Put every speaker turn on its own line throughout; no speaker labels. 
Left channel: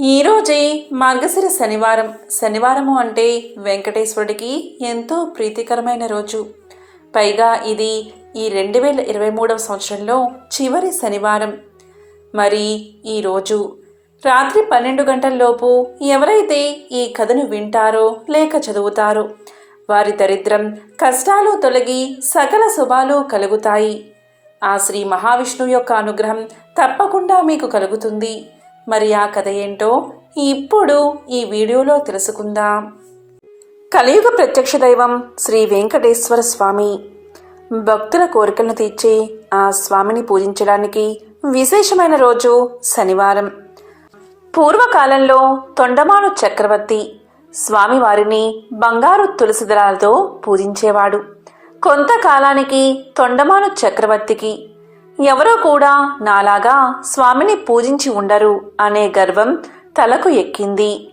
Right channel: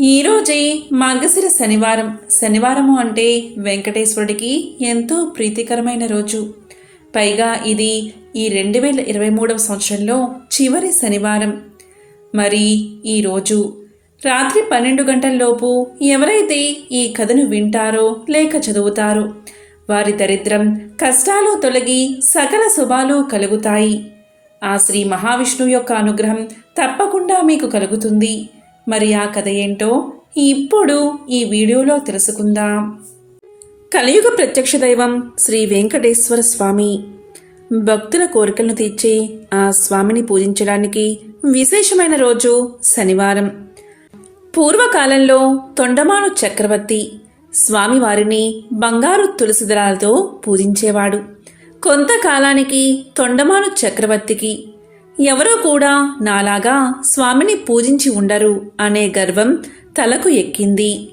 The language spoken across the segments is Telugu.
ఈరోజే మార్గశిర శనివారం. శనివారము అంటే వెంకటేశ్వరుడికి ఎంతో ప్రీతికరమైన రోజు. పైగా ఇది ఈ రెండు వేల ఇరవై మూడవ సంవత్సరంలో చివరి శనివారం. మరి ఈరోజు రాత్రి పన్నెండు గంటల్లోపు ఎవరైతే ఈ కథను వింటారో లేక చదువుతారో వారి దరిద్రం కష్టాలు తొలగి సకల శుభాలు కలుగుతాయి. ఆ శ్రీ మహావిష్ణువు యొక్క అనుగ్రహం తప్పకుండా మీకు కలుగుతుంది. మరి ఆ కథ ఏంటో ఇప్పుడు ఈ వీడియోలో తెలుసుకుందాం. కలియుగ ప్రత్యక్ష దైవం శ్రీ వెంకటేశ్వర స్వామి భక్తుల కోరికలను తీర్చి ఆ స్వామిని పూజించడానికి విశేషమైన రోజు శనివారం. పూర్వకాలంలో తొండమాను చక్రవర్తి స్వామివారిని బంగారు తులసి దళాలతో పూజించేవాడు. కొంతకాలానికి తొండమాను చక్రవర్తికి ఎవరో కూడా నాలాగా స్వామిని పూజించి ఉండరు అనే గర్వం తలకు ఎక్కింది.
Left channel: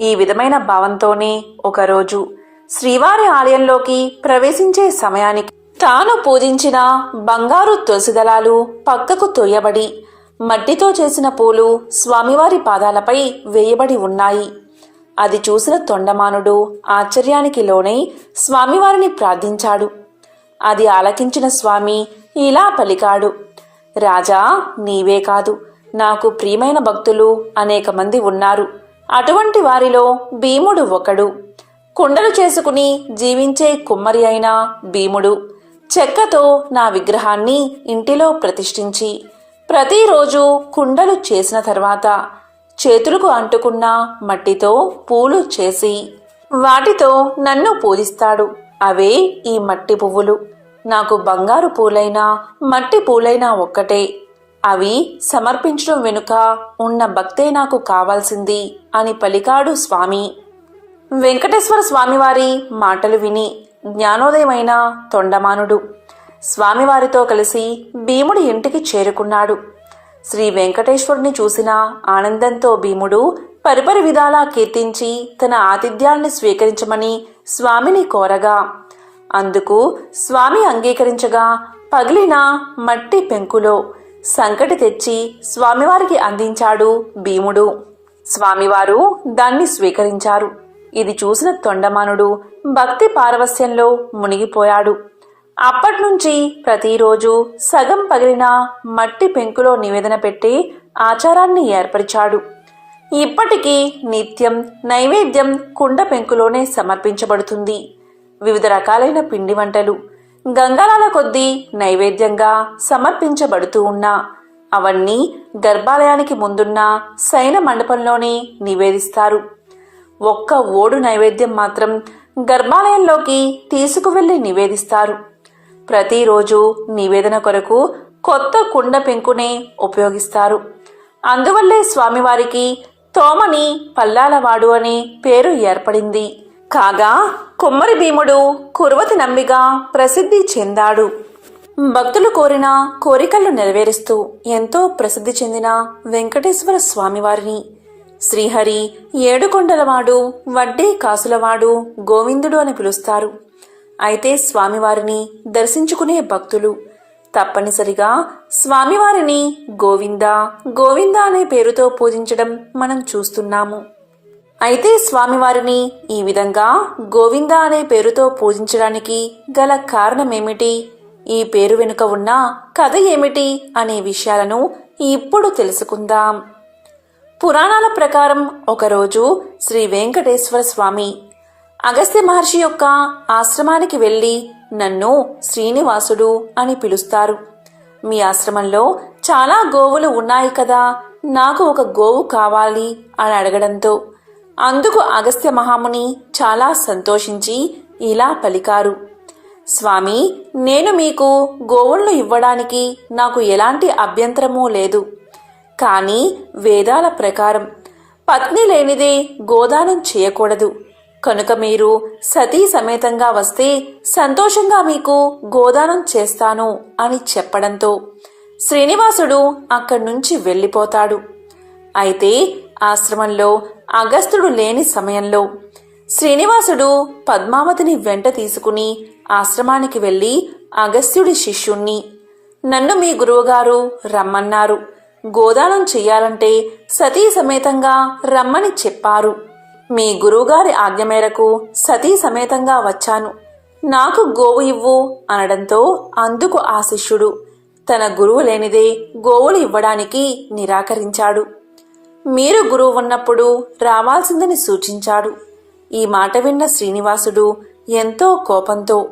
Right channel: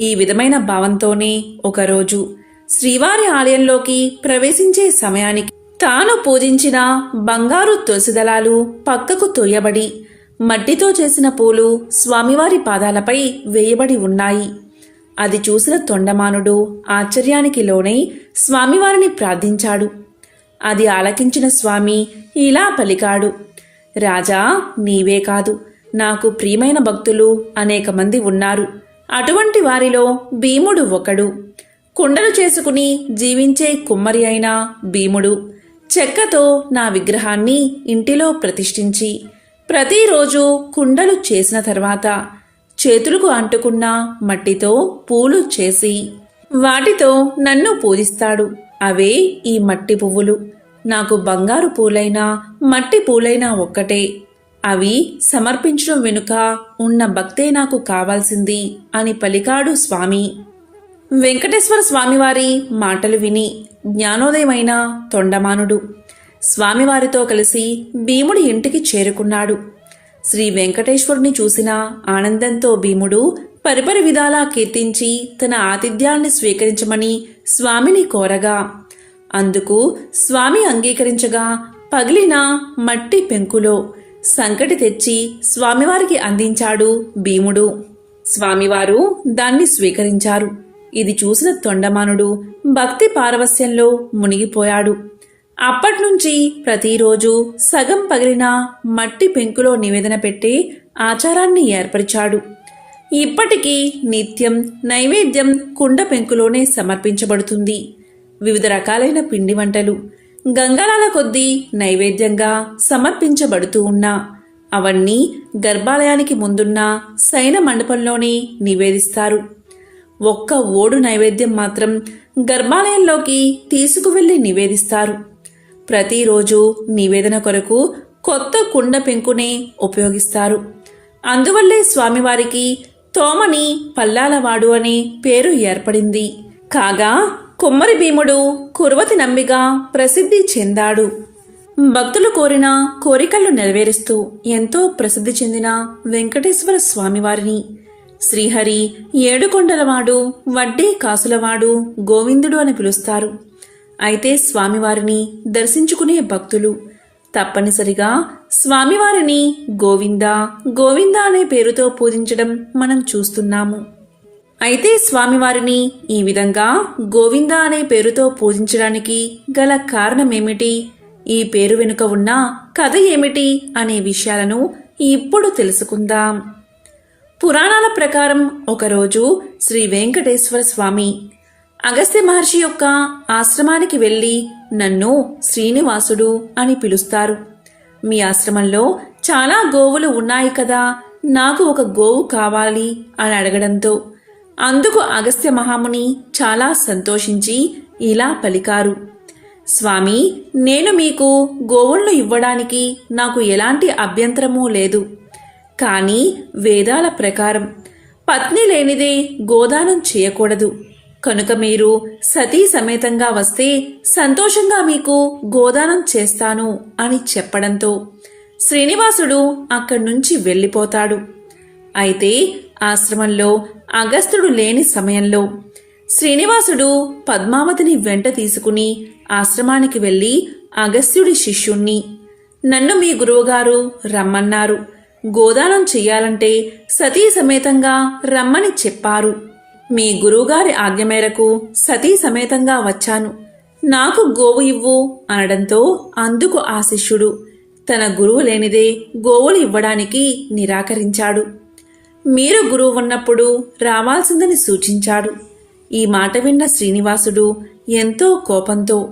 ఈ విధమైన భావంతోనే ఒకరోజు శ్రీవారి ఆలయంలోకి ప్రవేశించే సమయానికి తాను పూజించిన బంగారు తులసిదళాలు పక్కకు తొయ్యబడి మట్టితో చేసిన పూలు స్వామివారి పాదాలపై వేయబడి ఉన్నాయి. అది చూసిన తొండమానుడు ఆశ్చర్యానికి లోనై స్వామివారిని ప్రార్థించాడు. అది ఆలకించిన స్వామి ఇలా పలికాడు. రాజా నీవే కాదు. నాకు ప్రియమైన భక్తులు అనేక మంది ఉన్నారు. అటువంటి వారిలో భీముడు ఒకడు. కుండలు చేసుకుని జీవించే కుమ్మరి అయిన భీముడు. చెక్కతో నా విగ్రహాన్ని ఇంటిలో ప్రతిష్ఠించి ప్రతిరోజు కుండలు చేసిన తర్వాత చేతులకు అంటుకున్న మట్టితో పూలు చేసి వాటితో నన్ను పూజిస్తాడు. అవే ఈ మట్టి పువ్వులు. నాకు బంగారు పూలైనా మట్టి పూలైనా ఒక్కటే. అవి సమర్పించడం వెనుక ఉన్న భక్తే నాకు కావాల్సింది అని పలికాడు స్వామి. వెంకటేశ్వర స్వామివారి మాటలు విని జ్ఞానోదయమైన తొండమానుడు స్వామివారితో కలిసి భీముడి ఇంటికి చేరుకున్నాడు. శ్రీ వెంకటేశ్వరుని చూసిన ఆనందంతో భీముడు పరిపరి విధాలా కీర్తించి తన ఆతిథ్యాల్ని స్వీకరించమని స్వామిని కోరగా అందుకు స్వామి అంగీకరించగా పగిలిన మట్టి పెంకులో సంకటి తెచ్చి స్వామివారికి అందించాడు భీముడు. స్వామివారు దాన్ని స్వీకరించారు. ఇది చూసిన తొండమానుడు భక్తి పారవస్యంలో మునిగిపోయాడు. అప్పట్నుంచి ప్రతిరోజు సగం పగిలిన మట్టి పెంకులో నివేదన పెట్టి ఆచారాన్ని ఏర్పరిచాడు. ఇప్పటికీ నిత్యం నైవేద్యం కుండ పెంకులోనే సమర్పించబడుతుంది. వివిధ రకాలైన పిండి వంటలు. గంగాలాల కొద్దీ నైవేద్యంగా సమర్పించబడుతూ ఉన్నా. అవన్నీ గర్భాలయానికి ముందున్న శయన మండపంలోనే నివేదిస్తారు. ఒక్క ఓడు నైవేద్యం మాత్రం గర్భాలయంలోకి తీసుకువెళ్ళి నివేదిస్తారు. ప్రతిరోజు నివేదన కొరకు కొత్త కుండ పెంకునే ఉపయోగిస్తారు. అందువల్లే స్వామివారికి తోమని పల్లాలవాడు అనే పేరు ఏర్పడింది. కాగా కుమ్మరి భీముడు కురువతి నమ్మిగా ప్రసిద్ధి చెందాడు. భక్తులు కోరిన కోరికలు నెరవేరుస్తూ ఎంతో ప్రసిద్ధి చెందిన వెంకటేశ్వర స్వామివారిని. శ్రీహరి ఏడుకొండలవాడు వడ్డీ కాసులవాడు గోవిందుడు అని పిలుస్తారు. అయితే స్వామివారిని దర్శించుకునే భక్తులు. తప్పనిసరిగా స్వామివారిని గోవింద గోవింద అనే పేరుతో పూజించడం మనం చూస్తున్నాము. అయితే స్వామివారిని ఈ విధంగా గోవింద అనే పేరుతో పూజించడానికి గల కారణమేమిటి? ఈ పేరు వెనుక ఉన్న కథ ఏమిటి అనే విషయాలను ఇప్పుడు తెలుసుకుందాం. పురాణాల ప్రకారం ఒకరోజు శ్రీ వెంకటేశ్వర స్వామి అగస్త్య మహర్షి యొక్క ఆశ్రమానికి వెళ్ళి నన్ను శ్రీనివాసుడు అని పిలుస్తారు. మీ ఆశ్రమంలో చాలా గోవులు ఉన్నాయి కదా నాకు ఒక గోవు కావాలి అని అడగడంతో అందుకు అగస్త్య మహాముని చాలా సంతోషించి ఇలా పలికారు. స్వామి నేను మీకు గోవులను ఇవ్వడానికి నాకు ఎలాంటి అభ్యంతరమూ లేదు. కానీ వేదాల ప్రకారం పత్ని లేనిదే గోదానం చేయకూడదు. కనుక మీరు సతీ సమేతంగా వస్తే సంతోషంగా మీకు గోదానం చేస్తాను అని చెప్పడంతో శ్రీనివాసుడు అక్కడి నుంచి వెళ్ళిపోతాడు. అయితే ఆశ్రమంలో అగస్త్యుడు లేని సమయంలో శ్రీనివాసుడు పద్మావతిని వెంట తీసుకుని ఆశ్రమానికి వెళ్ళి అగస్త్యుడి శిష్యుణ్ణి నన్ను మీ గురువుగారు రమ్మన్నారు. గోదానం చెయ్యాలంటే సతీ సమేతంగా రమ్మని చెప్పారు. మీ గురువుగారి ఆజ్ఞ మేరకు సతీ సమేతంగా వచ్చాను. నాకు గోవు ఇవ్వు అనడంతో అందుకు ఆ శిష్యుడు తన గురువు లేనిదే గోవులు ఇవ్వడానికి నిరాకరించాడు. మీరు గురువు ఉన్నప్పుడు రావాల్సిందని సూచించాడు. ఈ మాట విన్న శ్రీనివాసుడు ఎంతో కోపంతో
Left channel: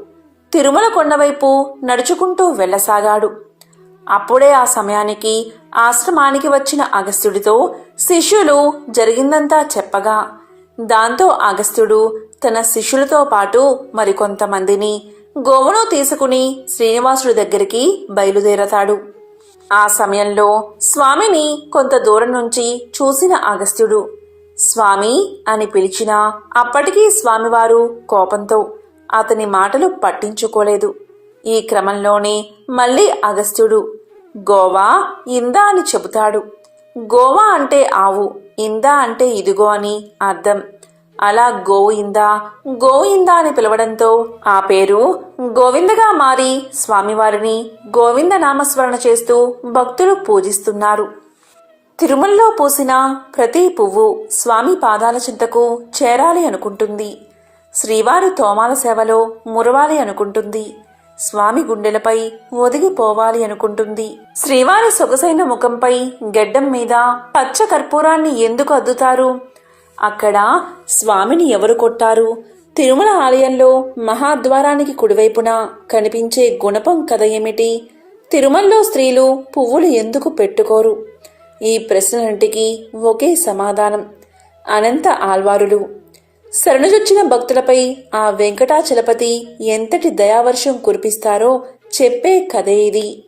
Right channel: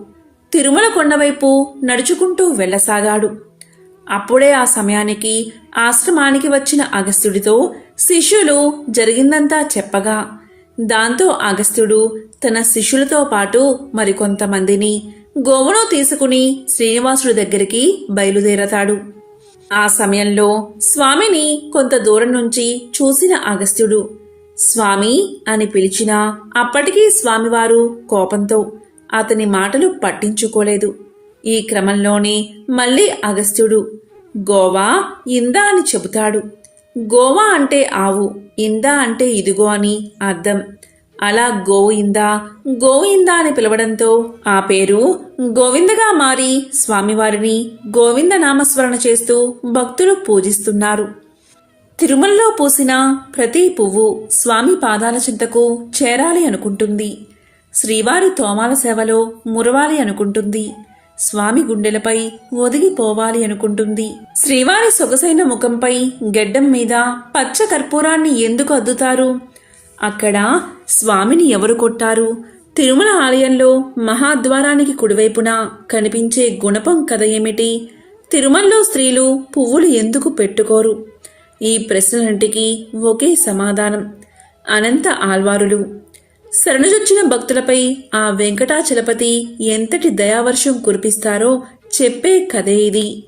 తిరుమల కొండవైపు నడుచుకుంటూ వెళ్ళసాగాడు. అప్పుడే ఆ సమయానికి ఆశ్రమానికి వచ్చిన అగస్త్యుడితో శిష్యులు జరిగిందంతా చెప్పగా దాంతో అగస్త్యుడు తన శిష్యులతో పాటు మరికొంతమందిని గోవును తీసుకుని శ్రీనివాసుడి దగ్గరికి బయలుదేరతాడు. ఆ సమయంలో స్వామిని కొంత దూరం నుంచి చూసిన అగస్త్యుడు స్వామి అని పిలిచినా అప్పటికీ స్వామివారు కోపంతో అతని మాటలు పట్టించుకోలేదు. ఈ క్రమంలోనే మళ్ళీ అగస్త్యుడు గోవా ఇందా అని చెబుతాడు. గోవా అంటే ఆవు ఇందా అంటే ఇదిగో అని అర్థం అలా గోవిందా గోవిందా అని పిలవడంతో ఆ పేరు గోవిందగా మారి స్వామివారిని గోవింద నామస్మరణ చేస్తూ భక్తులు పూజిస్తున్నారు. తిరుమలలో పూసిన ప్రతి పువ్వు స్వామి పాదాల చింతకు చేరాలి అనుకుంటుంది. శ్రీవారి తోమాల సేవలో మురవాలి అనుకుంటుంది. స్వామి గుండెలపై ఒదిగిపోవాలి అనుకుంటుంది. శ్రీవారి సొగసైన ముఖంపై గెడ్డం మీద పచ్చ కర్పూరాన్ని ఎందుకు అద్దుతారు? అక్కడ స్వామిని ఎవరు కొట్టారు? తిరుమల ఆలయంలో మహాద్వారానికి కుడివైపున కనిపించే గుణపం కథ ఏమిటి? తిరుమలలో స్త్రీలు పువ్వులు ఎందుకు పెట్టుకోరు? ఈ ప్రశ్నలంటికి ఒకే సమాధానం. అనంత ఆల్వారులు శరణుజొచ్చిన భక్తులపై ఆ వెంకటాచలపతి ఎంతటి దయావర్షం కురిపిస్తారో చెప్పే కథే ఇది.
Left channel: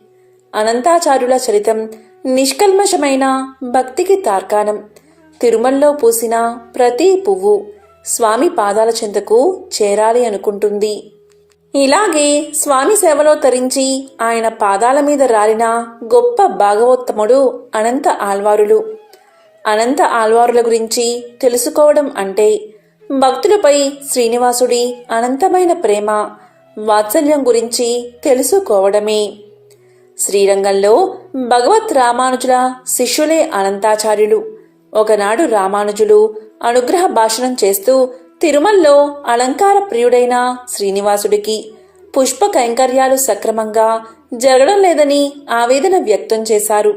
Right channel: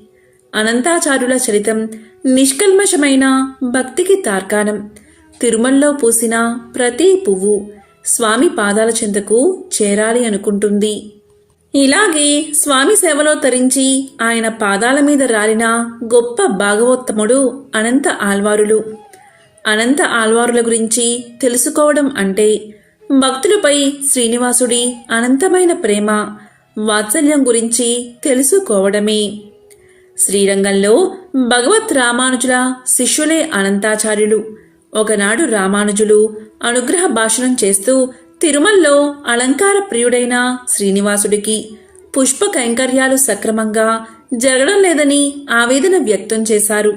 అనంతాచార్యుల చరితం నిష్కల్మషమైన భక్తికి తార్కాణం. తిరుమల్లో పూసిన ప్రతి పువ్వు స్వామి పాదాల చెంతకు చేరాలి అనుకుంటుంది. ఇలాగే స్వామి సేవలో తరించి ఆయన పాదాల మీద రాలిన గొప్ప భాగవోత్తముడు అనంత ఆల్వారులు అనంత ఆల్వారుల గురించి తెలుసుకోవడం అంటే భక్తులపై శ్రీనివాసుడి అనంతమైన ప్రేమ వాత్సల్యం గురించి తెలుసుకోవడమే. శ్రీరంగంలో భగవత్ రామానుజుల శిష్యులే అనంతాచార్యులు. ఒకనాడు రామానుజులు అనుగ్రహ భాషణం చేస్తూ తిరుమలలో అలంకార ప్రియుడైన శ్రీనివాసుడికి పుష్ప కైంకర్యాలు సక్రమంగా జరగడం లేదని ఆవేదన వ్యక్తం చేశారు.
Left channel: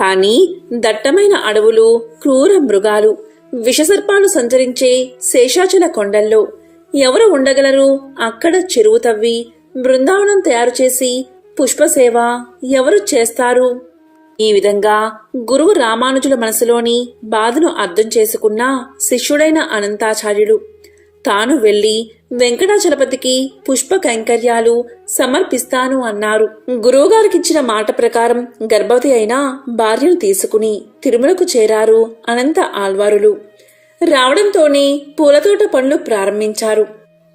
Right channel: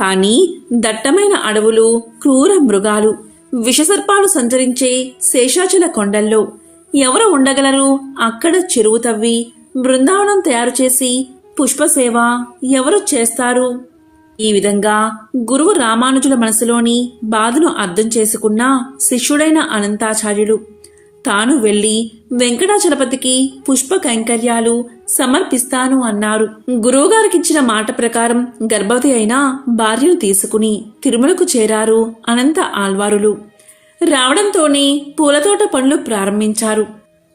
కానీ దట్టమైన అడవులు క్రూర మృగాలు విషసర్పాలు సంచరించే శేషాచల కొండల్లో ఎవరు ఉండగలరు? అక్కడ చెరువు తవ్వి బృందావనం తయారు చేసి పుష్పసేవ ఎవరు చేస్తారు? ఈ విధంగా గురువు రామానుజుల మనసులోని బాధను అర్థం చేసుకున్న శిష్యుడైన అనంతాచార్యుడు తాను వెళ్ళి వెంకటాచలపతికి పుష్ప కైంకర్యాలు సమర్పిస్తాను అన్నారు. గురువుగారికిచ్చిన మాట ప్రకారం గర్భవతి అయిన భార్యను తీసుకుని తిరుమలకు చేరారు అనంత ఆల్వారులు రావడంతోనే పూలతోట పనులు ప్రారంభించారు.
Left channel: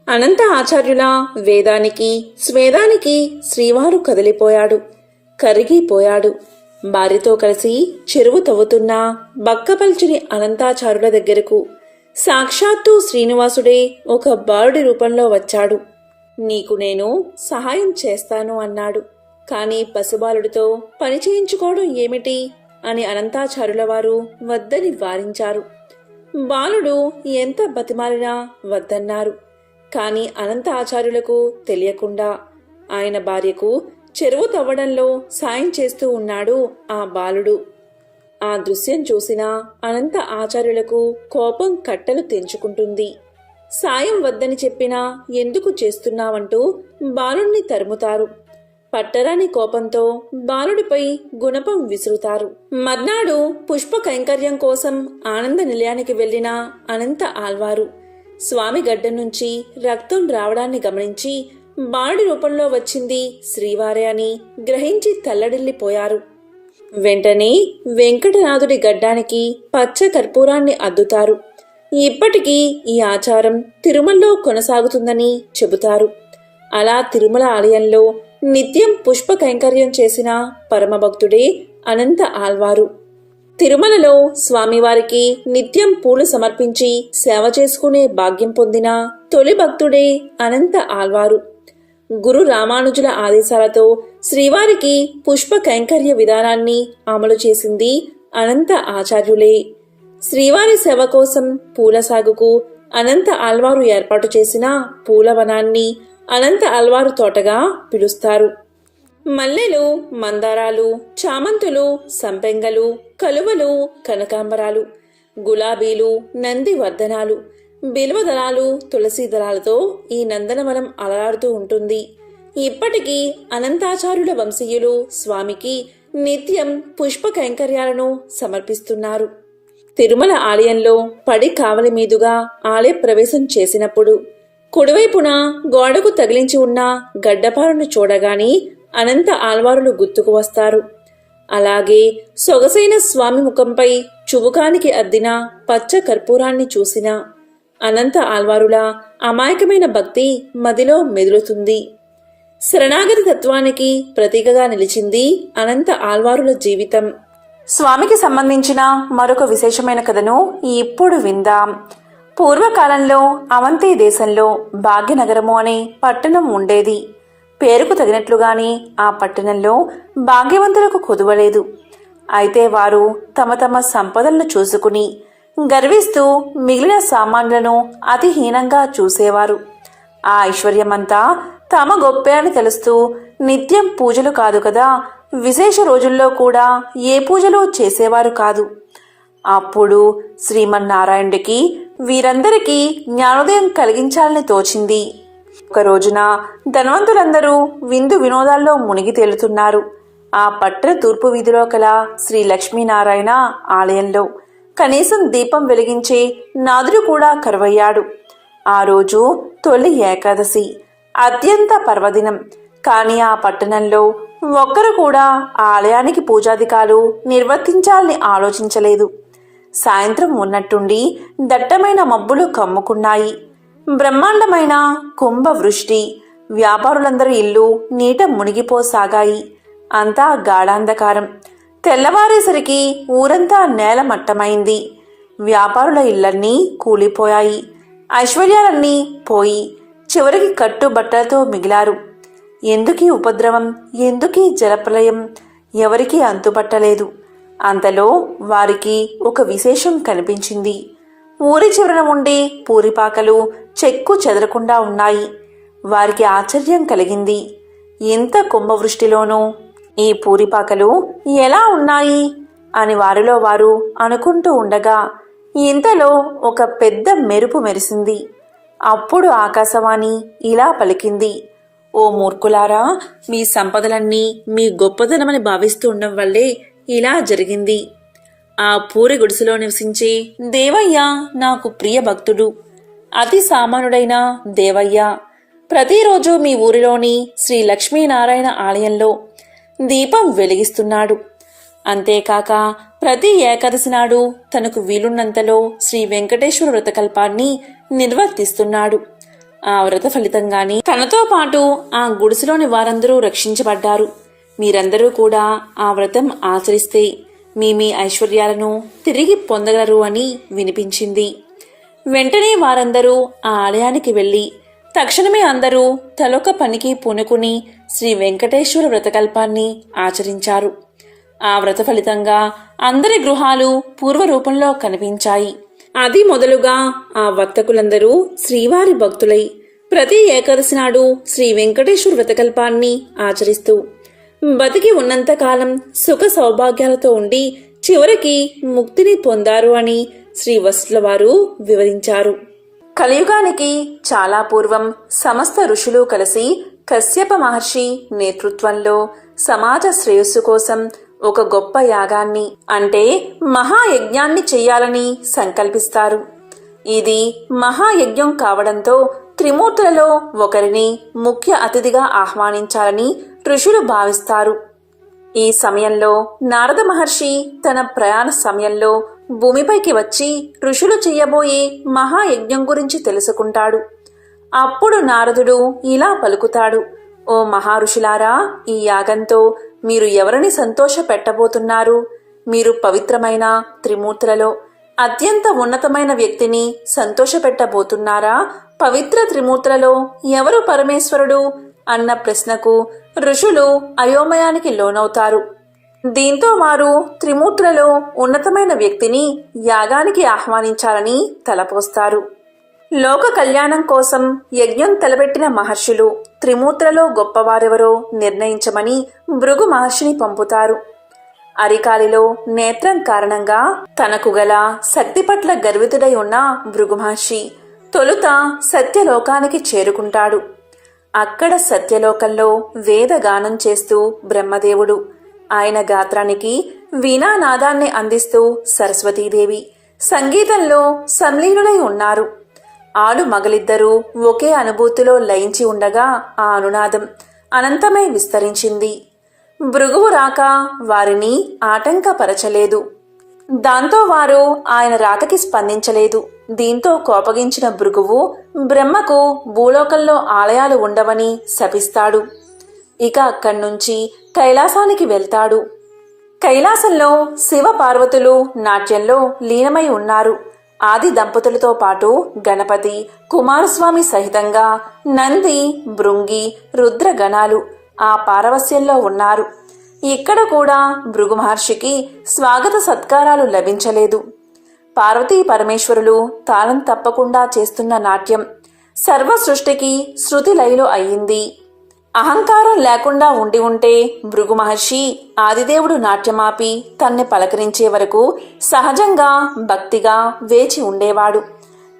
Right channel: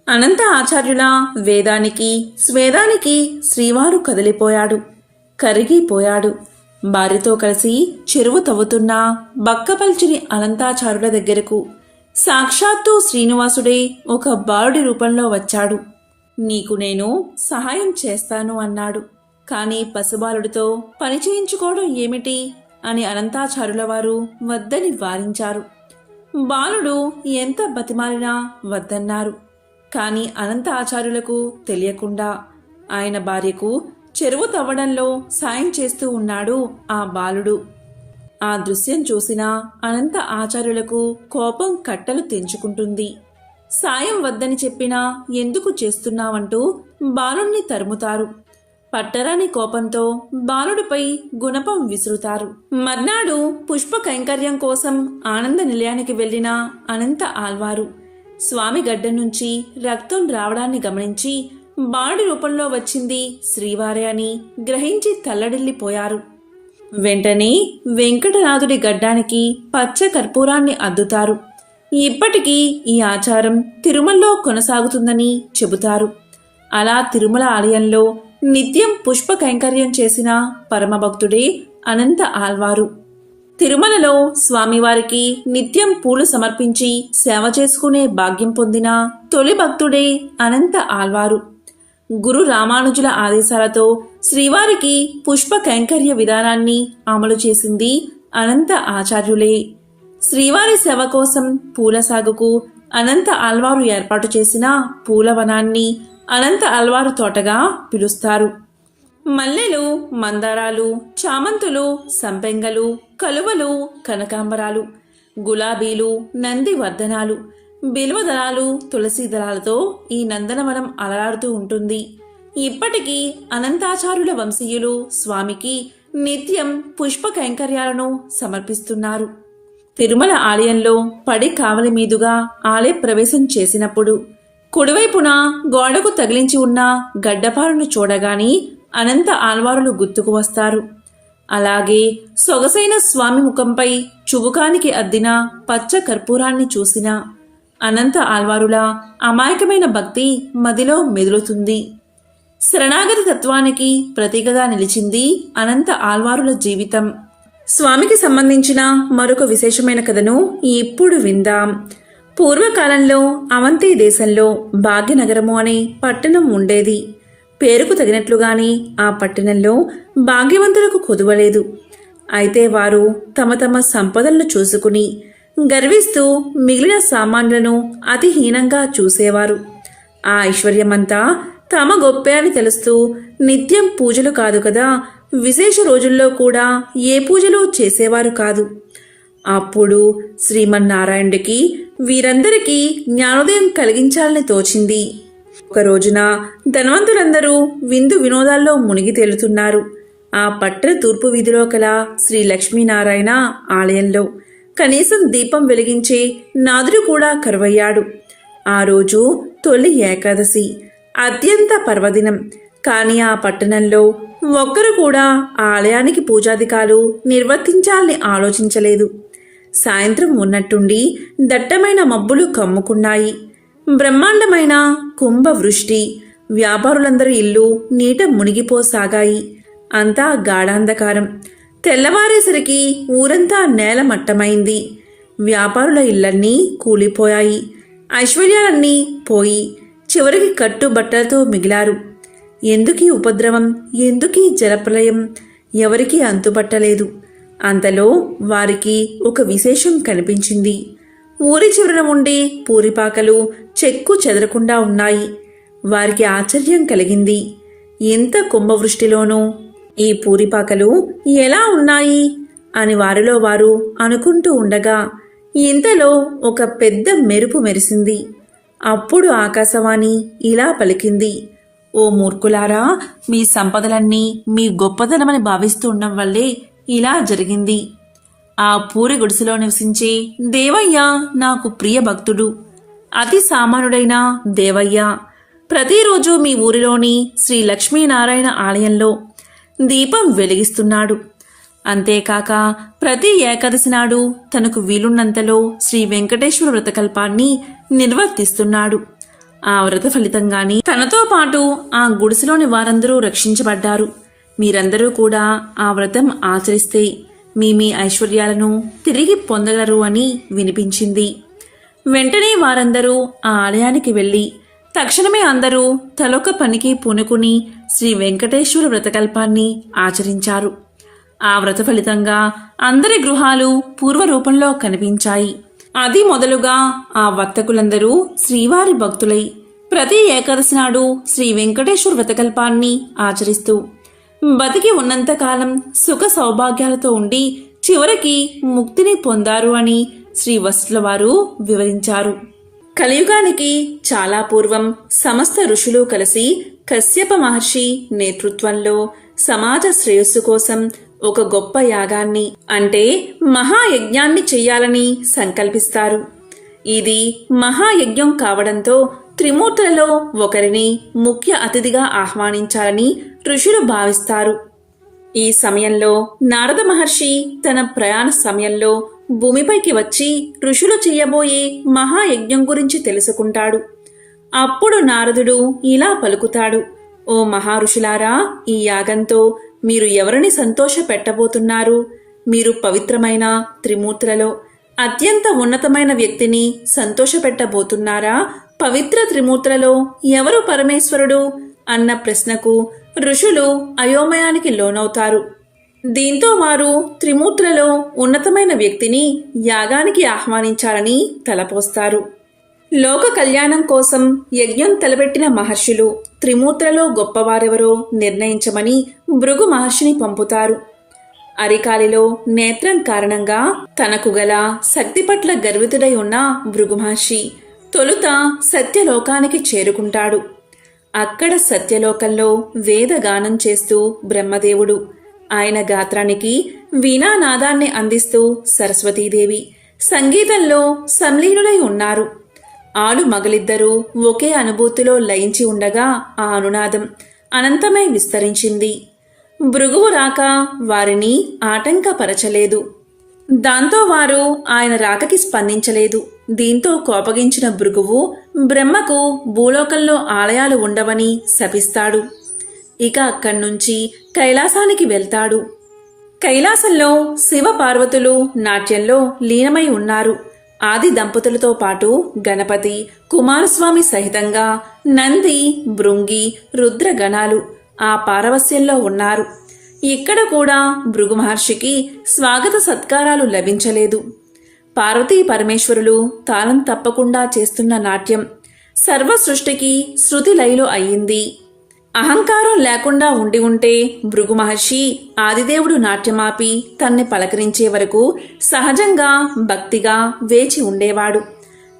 అనంత ఆచార్యుల వేదానికి స్వేదానికి శ్రీవారు కదిలిపోయాడు. కరిగిపోయాడు. భార్యతో కలిసి చెరువు తవ్వుతున్న బక్కపల్చిని అనంతాచారుల దగ్గరకు సాక్షాత్తు శ్రీనివాసుడే ఒక బాలుడి రూపంలో వచ్చాడు. నీకు నేను సహాయం చేస్తాను అన్నాడు. కాని పశుబాలుడితో పని చేయించుకోవడం ఏమిటి? అని అనంతాచారుల వారు వద్దని వారించారు. బాలుడు ఎంత బతిమాలినా వద్దన్నారు. కాని అనంత ఆచార్యులకు తెలియకుండా ఆయన భార్యకు చెరువు తవ్వడంలో సాయం చేస్తూ ఉన్నాడు ఆ బాలుడు. ఆ దృశ్యం చూసిన అనంత ఆచార్యులకు కోపం కట్టలు తెంచుకుంటుంది. సాయం వద్దని చెప్పినా ఎందుకు చేస్తున్నావంటూ బాలుణ్ణి తరుముతారు. పట్టరాని కోపంతో బాలుడిపై గుణపం విసురుతారు. మర్నాడు పుష్ప కైంకర్యం కోసం ఆనంద నిలయానికి వెళ్ళిన అనంత ఆల్వారు స్వామి గడ్డ నుంచి రక్తం రావడాన్ని గమనించి బాడి రూపంలో వచ్చింది శ్రీవారే అని గ్రహించి తల్లడిల్లిపోయారు. వెంటనే వెంకటనాథుడి గడ్డానికి పచ్చ కర్పూరాన్ని అద్దుతారు. ఇప్పటికీ ఈ ఆచారం తిరుమలలో కొనసాగుతుందని చెబుతారు. అలా తిరుమల ఆలయంలో నిత్యం పుష్ప కైంకర్యం చేసిన పరమభక్తుడే అనంత ఆల్వారు తిరుమలలో స్వామివారికి నిత్యం పూలు సమర్పించి సేవ చేసుకునే భాగ్యం పొందిన తొలి భక్తుడే అనంత ఆల్వారు గురు రామానుజుల ఆదేశాలతో శ్రీవారికి పుష్ప కైంకర్య విధానాన్ని అమలు చేసింది అనంత ఆచార్యులే. శ్రీవారి సేవ కోసం పూల సాగుకు అనంత ఆల్వారు ఏర్పాటు చేసిన పూలవనాన్ని అనంత ఆల్వారు తోటగా పిలుస్తారు. మల్లెలు మందారాలు చామంతులు సంపెంగలు కలువలు కనకాంబరాలు గులాబీలు నంది బిల్వ దళాలు తులసి దళాలతో ఈ నందనవనం అలరాడుతూ ఉంటుంది. ఇప్పటికీ అనంతాచార్యుల వంశీయులు స్వామికి నిత్యం పుష్ప కైంకర్యాలను సమర్పిస్తున్నారు. తిరుమల ఆలయంలో పడి కావలి మీదుగా ఆలయ ప్రవేశం చేసినప్పుడు కుడివైపున గోడకు తగిలించి ఉన్న గడ్డపారును చూడగాని అనంత ఆల్వారులు గుర్తుకు వస్తారు. అలాగే సొగసైన స్వామి ముఖంపై చుబుకానికి అద్దిన పచ్చ కర్పూరాన్ని చూసిన అనంత ఆల్వారుల అమాయకమైన భక్తి మదిలో మెదులుతుంది. శరణాగతి తత్వానికి ప్రతీకగా నిలిచింది అనంత ఆల్వారుల జీవితం. స్వామికి సంబంధించిన మరొక విశేషమైన కథను ఇప్పుడు విందాం. పూర్వకాలంలో అవంతి దేశంలో భాగ్యనగరము అనే పట్టణం ఉండేది. పేరుకు తగినట్లుగానే ఆ పట్టణంలో భాగ్యవంతులకు కొదువలేదు. అయితే వారు తమ తమ సంపదలను చూసుకుని గర్విస్తూ మిగిలిన సామాన్లను అతిహీనంగా చూసేవారు. ఆ ఐశ్వర్యమంతా తమ గొప్పే అని తెలుస్తూ నిత్యం పూజలు కాదు కదా విశేష రోజుల్లో కూడా ఏ పూజలు చేసేవారు కాదు. అప్పుడు శ్రీమన్నారాయణుడికి వీరందరికీ జ్ఞానోదయం కలిగించాలని తోచింది. ఒక రోజున ధనవంతులందరూ విందు వినోదాల్లో మునిగి తేలుతున్నారు. ఆ పట్టణ తూర్పు వీధిలో కల శ్రీ లక్ష్మీనారాయణ ఆలయంలో కనీసం దీపం వెలిగించే నాదుడు కూడా కరువయ్యాడు. ఆ రోజు తొలి ఏకాదశి అత్యంత పర్వదినం. కానీ ఆ పట్టణంలో ఒక్కరు కూడా ఆలయానికి పూజాధికాలు నిర్వర్తించాలని ఆలోచించలేదు. సాయంత్రం ఉన్నట్టుండి దట్టమైన మబ్బులు కమ్ముకున్నాయి. బ్రహ్మాండమైన కుంభవృష్టి వ్యాపారులందరి ఇల్లు నీట మునిగిపోసాగాయి. అంతా గాఢాంధకారం. తెల్లవారేసరికి ఊరంతా నేలమట్టమైంది వ్యాపారుల ఇళ్ళన్నీ కూలిపోయాయి. ఐశ్వర్యాలన్నీ పోయి చివరికి కట్టుబట్టలతో మిగిలారు. ఎందుకీ ఉపద్రవం? ఎందుకీ జలప్రలయం? ఎవరికీ అంతుపట్టలేదు అంతలో వారికి ఒక విశేషం కనిపించింది. ఊరి చివరన ఉండే పూరిపాకలు చెక్కు చెదరకుండా ఉన్నాయి. వారికి ఆశ్చర్యం కలిగింది. ఎంత కుంభవృష్టిలోనూ ఈ పూరిపాకలు ఎలా ఉన్నాయి? అని వారిలో వారు అనుకుంటూ ఉండగా ఇంతలో ఒక పెద్ద మెరుపు మెరిసింది. అప్పుడు ఆకాశవాణి ఇలా పలికింది ఓ మూర్ఖులారా మీ సంపదలన్నీ మీ గొప్పదనమని భావిస్తూ ఉండడం వల్లే ఇలా జరిగింది. ఆ పూరి గుడిసెలో నివసించే దేవయ్య నాకు ప్రియ భక్తుడు. అతి సామాన్యుడైన దేవయ్య. ప్రతిరోజు మీ ఊరిలోని శ్రీ లక్ష్మీనారాయణ ఆలయంలో దీపం వెలిగిస్తున్నాడు. అంతేకాక ప్రతి ఏకాదశి నాడు తనకు వీలున్నంతలో శ్రీ వెంకటేశ్వర వ్రతకల్పాన్ని నిర్వర్తిస్తున్నాడు. ఆ వ్రత ఫలితంగానే తనతో పాటు ఆ గుడిసెలోని వారందరూ రక్షించబడ్డారు. మీరందరూ కూడా ఆ వ్రతం ఆచరిస్తే మీ మీ ఐశ్వర్యాలను తిరిగి పొందగలరు అని వినిపించింది. వెంటనే వారందరూ ఆ ఆలయానికి వెళ్ళి తక్షణమే అందరూ తలొక పనికి పూనుకుని శ్రీ వెంకటేశ్వర వ్రతకల్పాన్ని ఆచరించారు. ఆ వ్రత ఫలితంగా అందరి గృహాలు పూర్వరూపంలో కనిపించాయి. అది మొదలుగా ఆ వర్తకులందరూ శ్రీవారి భక్తులై ప్రతి ఏకాదశి నాడు శ్రీ వెంకటేశ్వర వ్రతకల్పాన్ని ఆచరిస్తూ బతికి ఉన్నంతకాలం సుఖ సౌభాగ్యాలతో ఉండి చివరికి ముక్తిని పొందారు అని శ్రీ వసుల వారు వివరించారు. కలియుగానికి చాలా పూర్వం సమస్త ఋషులు కలిసి కశ్యప మహర్షి నేతృత్వంలో సమాజ శ్రేయస్సు కోసం ఒక గొప్ప యాగాన్ని అంటే మహాయజ్ఞాన్ని చెయ్యాలని సంకల్పిస్తారు. ఇది మహాయజ్ఞం కావడంతో త్రిమూర్తులలో ఒకరిని ముఖ్య అతిథిగా ఆహ్వానించాలని ఋషులు భావిస్తారు. ఈ సమయంలో నారద మహర్షి తన ప్రయాణ సమయంలో భూమిపైకి వచ్చి ఋషులు చెయ్యబోయే మహాయజ్ఞం గురించి తెలుసుకుంటాడు. అప్పుడు నారదుడు ఇలా పలుకుతాడు. ఓ మహారుషులారా ఈ యాగంతో మీరు ఎవరిని సంతోష పెట్టబోతున్నారు మీరు పవిత్రమైన త్రిమూర్తులలో అత్యంత ఉన్నతమైన వ్యక్తిని సంతోషపెట్టబోతున్నారా? పవిత్ర త్రిమూర్తులలో ఎవరు పరమేశ్వరుడు? అన్న ప్రశ్నకు ఋషులు అయోమయానికి లోనవుతారు. దీంతో వారు త్రిమూర్తులలో ఉన్నతమైన వ్యక్తిని యాగానికి ఆహ్వానించాలని తలపోస్తారు. లోక కళ్యాణం కోసం యజ్ఞం తలపెట్టిన మహర్షులు త్రిమూర్తులలో గొప్పవారెవరో నిర్ణయించమని భృగు మహర్షిని పంపుతారు. అరికాలిలో నేత్రం కారణంగా తనకు గల శక్తి పట్ల గర్వితుడై ఉన్న భృగు మహర్షి తొలుత సత్యలోకానికి చేరుకుంటాడు. అక్కడ సత్యలోకంలో వేదగానం చేస్తూ బ్రహ్మదేవుడు ఆయన గాత్రానికి వీణానాదాన్ని అందిస్తూ సరస్వతీదేవి సంగీతంలో సంలీనులై ఉన్నారు. ఆలు మగలిద్దరూ ఒకే అనుభూతిలో లయించి ఉండగా ఆ అనునాదం అనంతమై విస్తరించింది. భృగువు రాక వారిని ఆటంకపరచలేదు. దాంతో వారు ఆయన రాకకి స్పందించలేదు. దీంతో కోపగించిన భృగువు బ్రహ్మకు భూలోకంలో ఆలయాలు ఉండవని శపిస్తాడు. ఇక అక్కడి నుంచి కైలాసానికి వెళ్తాడు. కైలాసంలో శివ పార్వతులు నాట్యంలో లీనమై ఉన్నారు. ఆది దంపతులతో పాటు గణపతి కుమారస్వామి సహితంగా నంది భృంగి రుద్రగణాలు ఆ పారవస్యంలో ఉన్నారు. ఇక్కడ కూడా భృగు మహర్షికి స్వాగత సత్కారాలు లభించలేదు. పార్వతీ పరమేశ్వరులు తాళం తప్పకుండా చేస్తున్న నాట్యం. సర్వ సృష్టికి శృతి లయలు అయ్యింది అహంకారం లేకుండా ఉండి ఉంటే భృగు మహర్షి ఆదిదేవుడు నాట్యమాపి తన్ని పలకరించే వరకు సహజంగా భక్తిగా వేచి ఉండేవాడు.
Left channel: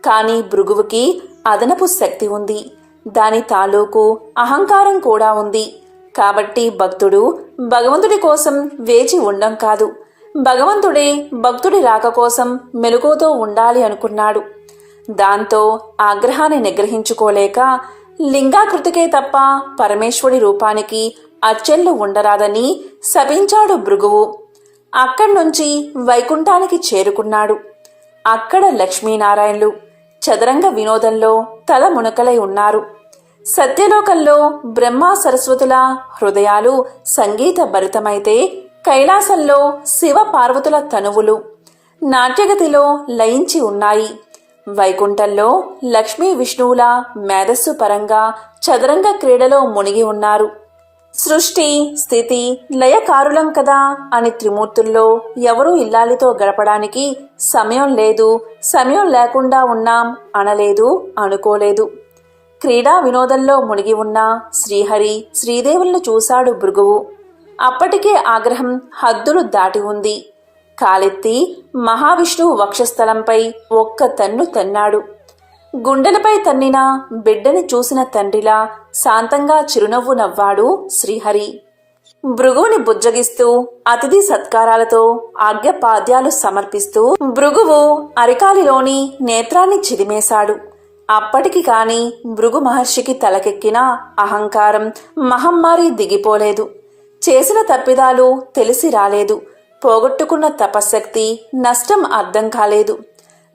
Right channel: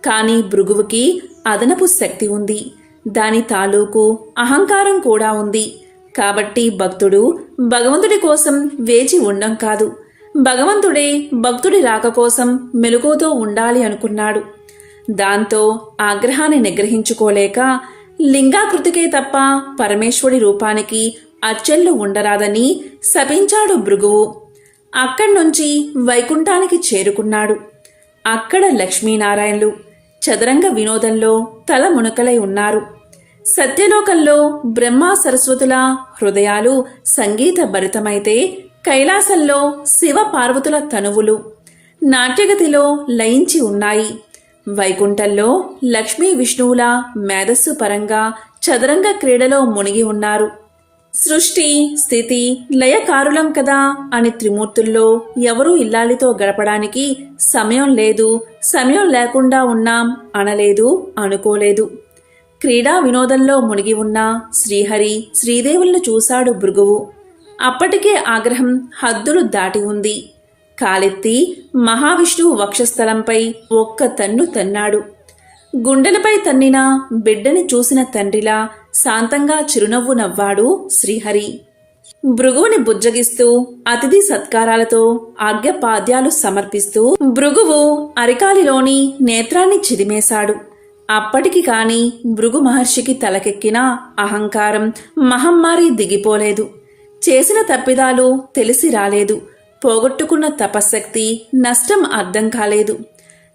కాని భృగువుకి అదనపు శక్తి ఉంది. దాని తాలూకు అహంకారం కూడా ఉంది. కాబట్టి భక్తుడు భగవంతుడి కోసం వేచి ఉండం కాదు. భగవంతుడే భక్తుడి రాక కోసం మెలకువతో ఉండాలి అనుకున్నాడు. దాంతో ఆగ్రహాన్ని నిగ్రహించుకోలేక లింగాకృతికే తప్ప పరమేశ్వరుడి రూపానికి అచ్చెళ్ళు ఉండరాదని శపించాడు భృగువు. అక్కడి నుంచి వైకుంఠానికి చేరుకున్నాడు. అక్కడ లక్ష్మీనారాయణులు చదరంగ వినోదంలో తల మునకలై ఉన్నారు. సత్యలోకంలో బ్రహ్మ సరస్వతుల హృదయాలు సంగీత భరితమైతే కైలాసంలో శివ పార్వతుల తనువులు నాట్యగతిలో లయించి ఉన్నాయి. వైకుంఠంలో లక్ష్మీ విష్ణువుల మేధస్సు పరంగా చదరంగ క్రీడలో మునిగి ఉన్నారు. సృష్టి స్థితి లయకారులం కదా అని త్రిమూర్తుల్లో ఎవరూ ఇల్లాలితో గడపడానికి సమయం లేదు సమయం లేకుండా ఉన్నాం అనలేదు అనుకోలేదు. క్రీడా వినోదంలో మునిగి ఉన్న శ్రీహరి శ్రీదేవులను చూశాడు భృగువు. అప్పటికే ఆగ్రహం హద్దులు దాటి ఉంది. కాలెత్తి మహావిష్ణువు వక్షస్థలంపై ఒక్క తన్ను తన్నాడు. గుండెలపై తన్నిన బిడ్డని చూసిన తండ్రిలా శాంతంగా చిరునవ్వు నవ్వాడు శ్రీహరి. భృగువుని బుజ్జగిస్తూ అతిథి సత్కారాలతో ఆజ్ఞపాద్యాలు సమర్పిస్తూ భృగువు అరికాలిలోని నేత్రాన్ని చిదిమేశాడు. అప్పటికి కాని భృగు మహర్షికి తలకెక్కిన అహంకారం మహమ్మారి దిగిపోలేదు. చేసిన తప్పిదాలు తెలిసి రాలేదు. పోగొట్టుకున్న తపశ్శక్తి నష్టం అర్థం కాలేదు.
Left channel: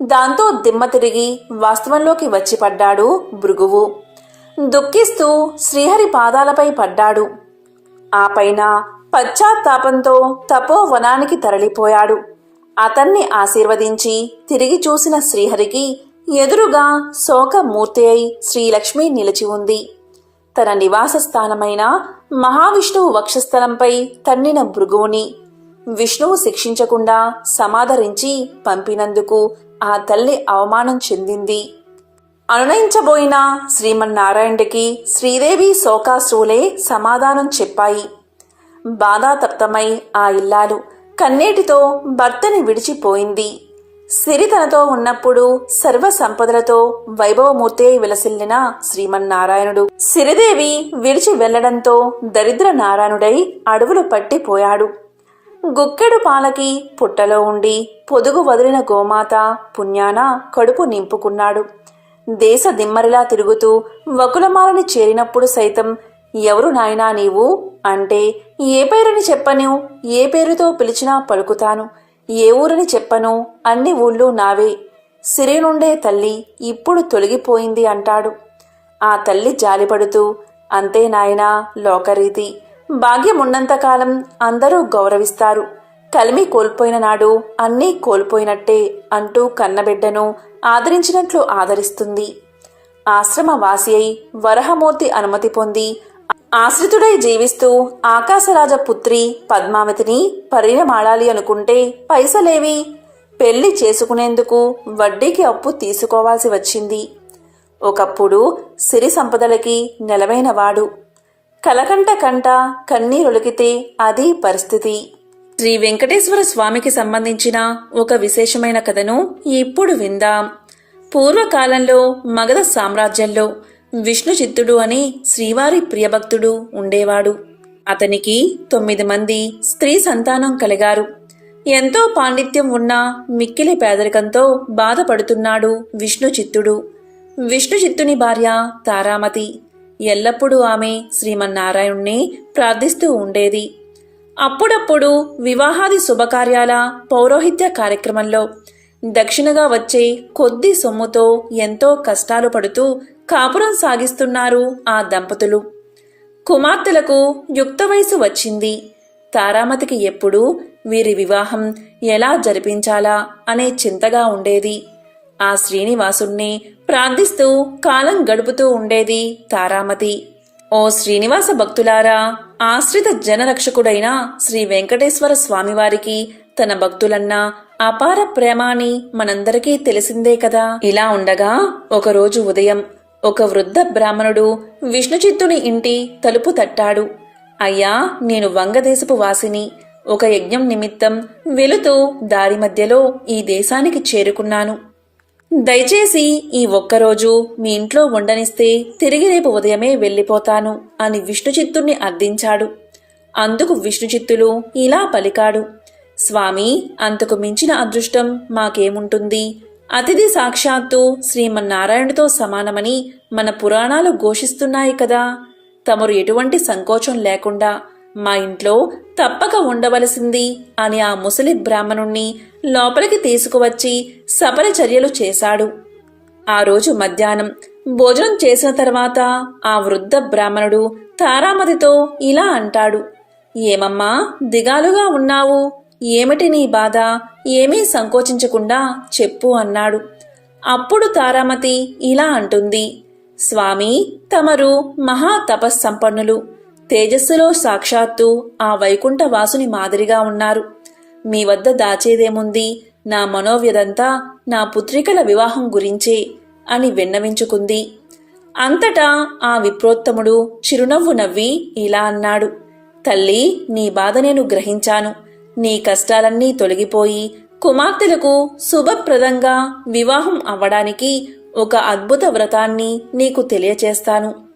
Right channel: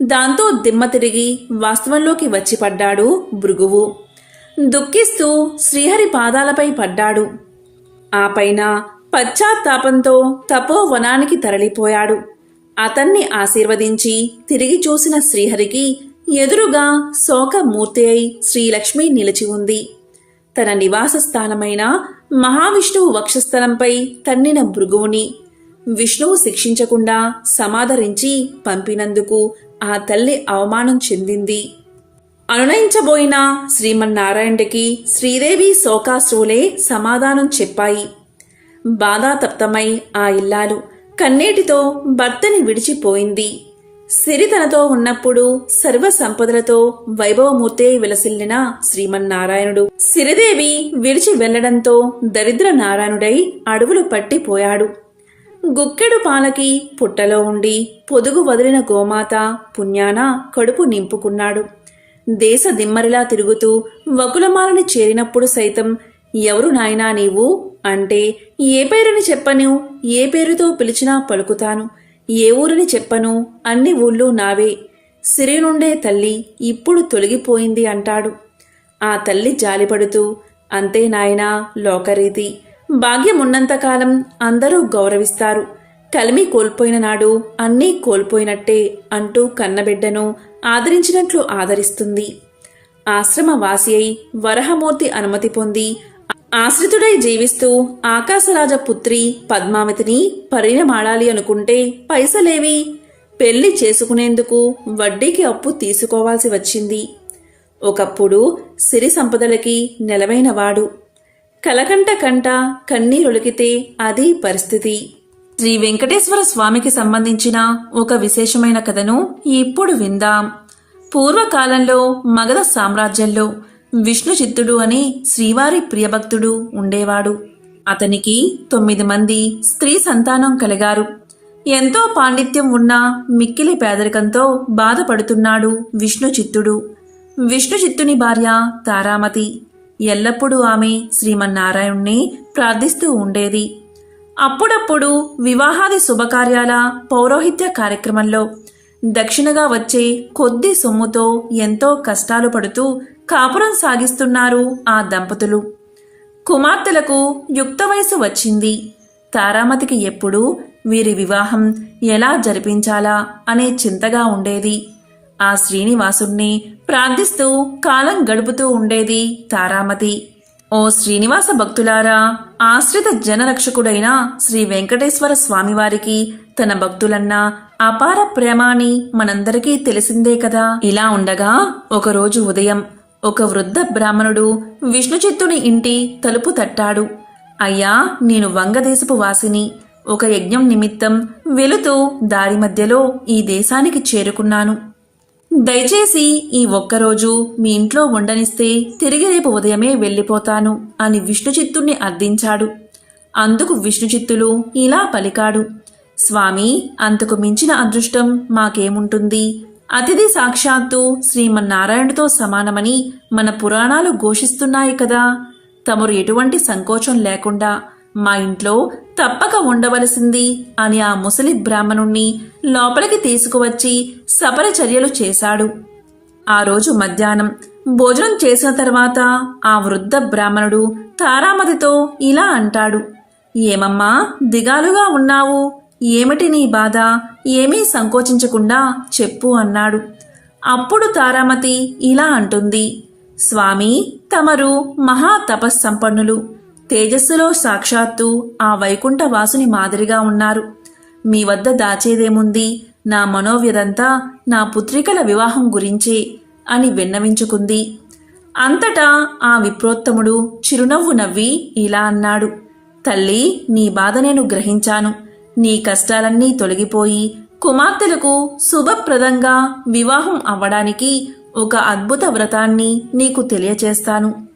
దాంతో దిమ్మ తిరిగి వాస్తవంలోకి వచ్చి పడ్డాడు భృగువు. దుఃఖిస్తూ శ్రీహరి పాదాలపై పడ్డాడు. ఆ పైన పశ్చాత్తాపంతో తపోవనానికి తరలిపోయాడు. అతన్ని ఆశీర్వదించి తిరిగి చూసిన శ్రీహరికి ఎదురుగా శోకమూర్తి అయి శ్రీలక్ష్మి నిలిచి ఉంది. తన నివాస స్థానమైన మహావిష్ణువు వక్షస్థలంపై తన్నిన భృగువుని విష్ణువు శిక్షించకుండా సమాదరించి పంపినందుకు ఆ తల్లి అవమానం చెందింది. అనునయించబోయిన శ్రీమన్నారాయణుడికి శ్రీదేవి శోకాశ్రువులే సమాధానం చెప్పాయి. బాధాతప్తమై ఆ ఇల్లాలు కన్నేటితో భర్తని విడిచిపోయింది. సిరి తనతో ఉన్నప్పుడు సర్వ సంపదలతో వైభవమూర్తే విలసిల్లిన శ్రీమన్నారాయణుడు సిరిదేవి విడిచి వెళ్ళడంతో దరిద్ర నారాయణుడై అడవులు పట్టిపోయాడు. గుక్కెడు పాలకి పుట్టలో ఉండి పొదుగు వదిలిన గోమాత పుణ్యాన కడుపు నింపుకున్నాడు. దేశ దిమ్మరిలా తిరుగుతూ వకులమాలని చేరినప్పుడు సైతం ఎవరు నాయనా నీవు అంటే ఏ పేరుని చెప్పను? ఏ పేరుతో పిలిచినా పలుకుతాను. ఏ ఊరని చెప్పను? అన్ని ఊళ్ళు నావే. సిరే నుండే తల్లి ఇప్పుడు తొలగిపోయింది అంటాడు. ఆ తల్లి జాలిపడుతూ అంతే నాయనా లోకరీతి. భాగ్యం ఉన్నంతకాలం అందరూ గౌరవిస్తారు. కలిమి కోల్పోయిన నాడు అన్నీ కోల్పోయినట్టే అంటూ కన్నబిడ్డను ఆదరించినట్లు ఆదరిస్తుంది. ఆశ్రమ వాసి అయి వరహమూర్తి అనుమతి పొంది ఆశ్రితుడై జీవిస్తూ ఆకాశరాజ పుత్రి పద్మావతిని పరిణమాడాలి అనుకుంటే పైసలేవి పెళ్ళి చేసుకునేందుకు వడ్డీకి అప్పు తీసుకోవాల్సి వచ్చింది. ఒకప్పుడు సిరి సంపదలకి నెలవైనవాడు. కలకంట కంట కన్నీరొలికితే అది పరిస్థితి. శ్రీ వెంకటేశ్వర స్వామికి సంబంధించిన ఒక విశేషమైన కథను ఇప్పుడు విందాం. పూర్వకాలంలో మగధ సామ్రాజ్యంలో విష్ణుచిత్తుడు అని శ్రీవారి ప్రియభక్తుడు ఉండేవాడు. అతనికి తొమ్మిది మంది స్త్రీ సంతానం కలిగారు. ఎంతో పాండిత్యం ఉన్న మిక్కిలి పేదరికంతో బాధపడుతున్నాడు విష్ణుచిత్తుడు. విష్ణుచిత్తుని భార్య తారామతి. ఎల్లప్పుడూ ఆమె శ్రీమన్నారాయణ్ణి ప్రార్థిస్తూ ఉండేది. అప్పుడప్పుడు వివాహాది శుభకార్యాల పౌరోహిత్య కార్యక్రమంలో దక్షిణగా వచ్చే కొద్ది సొమ్ముతో ఎంతో కష్టాలు పడుతూ కాపురం సాగిస్తున్నారు ఆ దంపతులు. కుమార్తెలకు యుక్త వయసు వచ్చింది. తారామతికి ఎప్పుడూ వీరి వివాహం ఎలా జరిపించాలా అనే చింతగా ఉండేది. ఆ శ్రీనివాసుణ్ణి ప్రార్థిస్తూ కాలం గడుపుతూ ఉండేది తారామతి. ఓ శ్రీనివాస భక్తులారా ఆశ్రిత జనరక్షకుడైన శ్రీ వెంకటేశ్వర స్వామివారికి తన భక్తులన్న అపార ప్రేమాని మనందరికీ తెలిసిందే కదా. ఇలా ఉండగా ఒకరోజు ఉదయం ఒక వృద్ధ బ్రాహ్మణుడు విష్ణుచిత్తుని ఇంటి తలుపు తట్టాడు. అయ్యా నేను వంగదేశపు వాసిని. ఒక యజ్ఞం నిమిత్తం వెళుతూ దారి మధ్యలో ఈ దేశానికి చేరుకున్నాను. దయచేసి ఈ ఒక్కరోజు మీ ఇంట్లో ఉండనిస్తే తిరిగి రేపు ఉదయమే వెళ్ళిపోతాను అని విష్ణుచిత్తుణ్ణి అర్థించాడు. అందుకు విష్ణుచిత్తులు ఇలా పలికాడు. స్వామి అంతకు మించిన అదృష్టం మాకేముంటుంది? అతిథి సాక్షాత్తు శ్రీమన్నారాయణుడితో సమానమని మన పురాణాలు ఘోషిస్తున్నాయి కదా. తమరు ఎటువంటి సంకోచం లేకుండా మా ఇంట్లో తప్పక ఉండవలసింది అని ఆ ముసలి బ్రాహ్మణుణ్ణి లోపలికి తీసుకువచ్చి సపర చర్యలు చేశాడు. ఆ రోజు మధ్యాహ్నం భోజనం చేసిన తర్వాత ఆ వృద్ధ బ్రాహ్మణుడు తారామతితో ఇలా అంటాడు. ఏమమ్మా దిగాలుగా ఉన్నావు. ఏమిటి నీ బాధ? ఏమీ సంకోచించకుండా చెప్పు అన్నాడు. అప్పుడు తారామతి ఇలా అంటుంది. స్వామి తమరు మహా తపస్సంపన్నులు. తేజస్సులో సాక్షాత్తు ఆ వైకుంఠ వాసుని మాదిరిగా ఉన్నారు. మీ వద్ద దాచేదేముంది? నా మనోవ్యదంతా నా పుత్రికల వివాహం గురించే అని విన్నవించుకుంది. అంతటా ఆ విప్రోత్తముడు చిరునవ్వు నవ్వి ఇలా అన్నాడు. తల్లి నీ బాధ నేను గ్రహించాను. నీ కష్టాలన్నీ తొలగిపోయి కుమార్తెలకు శుభప్రదంగా వివాహం అవ్వడానికి ఒక అద్భుత వ్రతాన్ని నీకు తెలియచేస్తాను.